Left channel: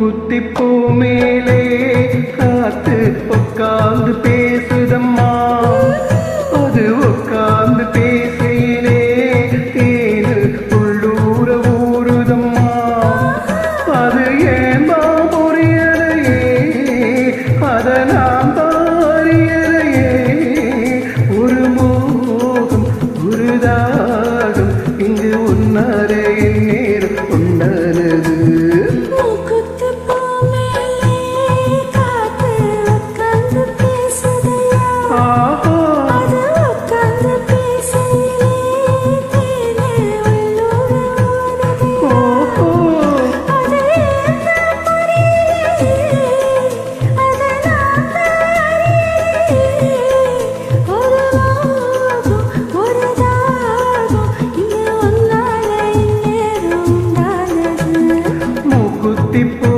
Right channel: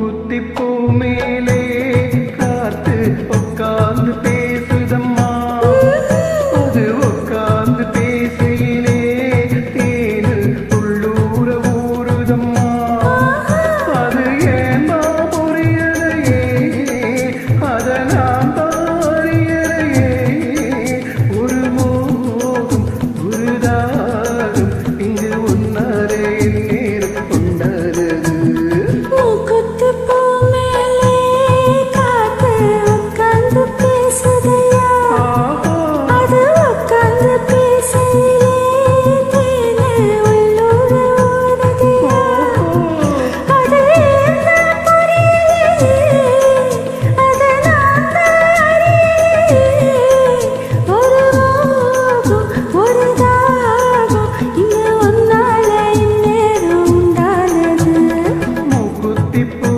குத்திப்பூ மேலே காத்து உட்கார்ந்து பேசுதம்மா. அது உட்கார்ந்து பேசையிலே தேனு உள்ளூர ஊறுதம்மா. அது ஏந்தா புரியலையே அதை நாம் தாரியலையே ஒரு மோகம் ஒரு தாகம் இங்கு உன்னரே நேர் உண்டனது tipo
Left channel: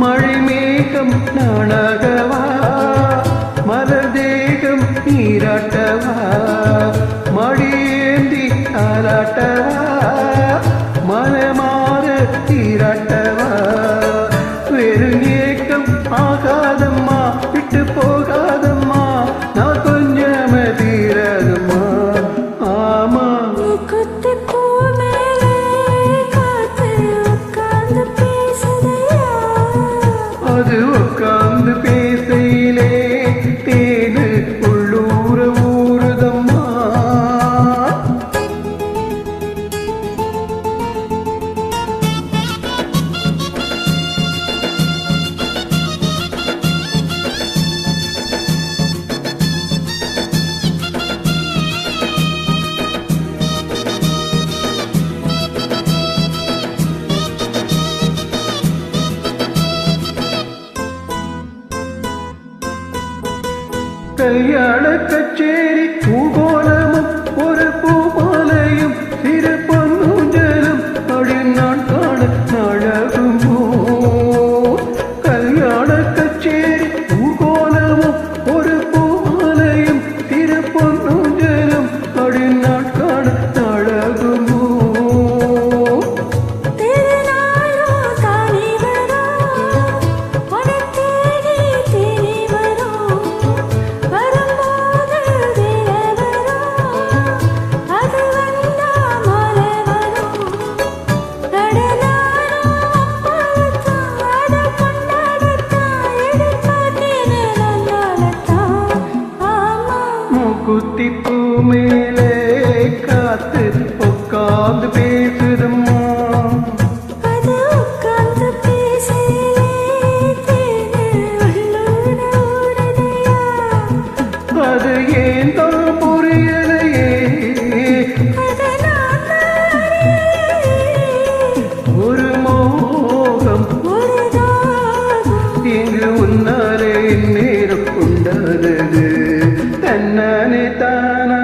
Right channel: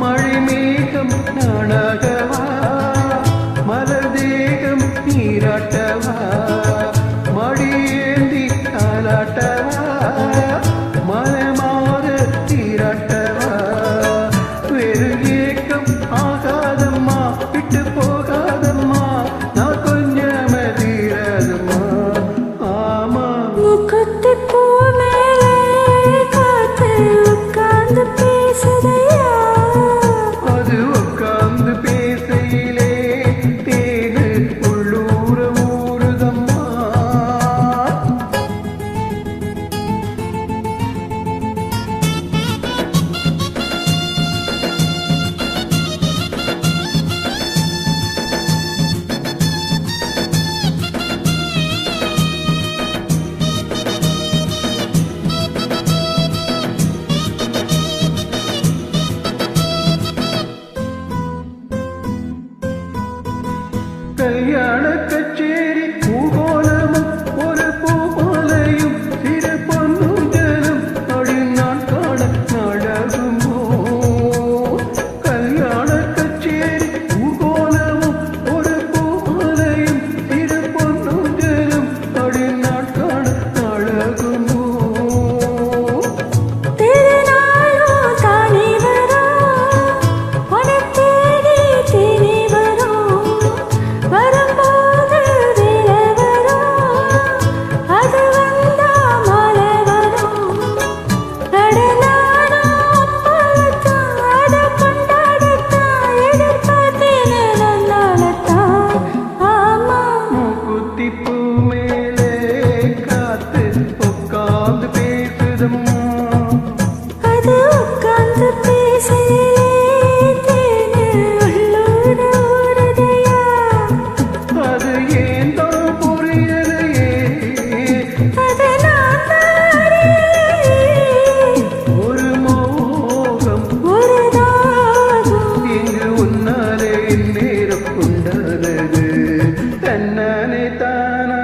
மழைமேகம் நாணாகவா மலர் தேகம் நீராட்ட நீராட்டவா வெறும் ஏக்கம் ஆகாதம்மா விட்டு போகாதம்மா. கல்யாண கச்சேரி ஊத்தி பூ மேலே காத்து உட்காந்து பேசுதம்மா. அது உட்காந்து பேசலே அது ஏன் தான் உன்னாலே நேரம் உண்டானது. തന്നാനെ താനാ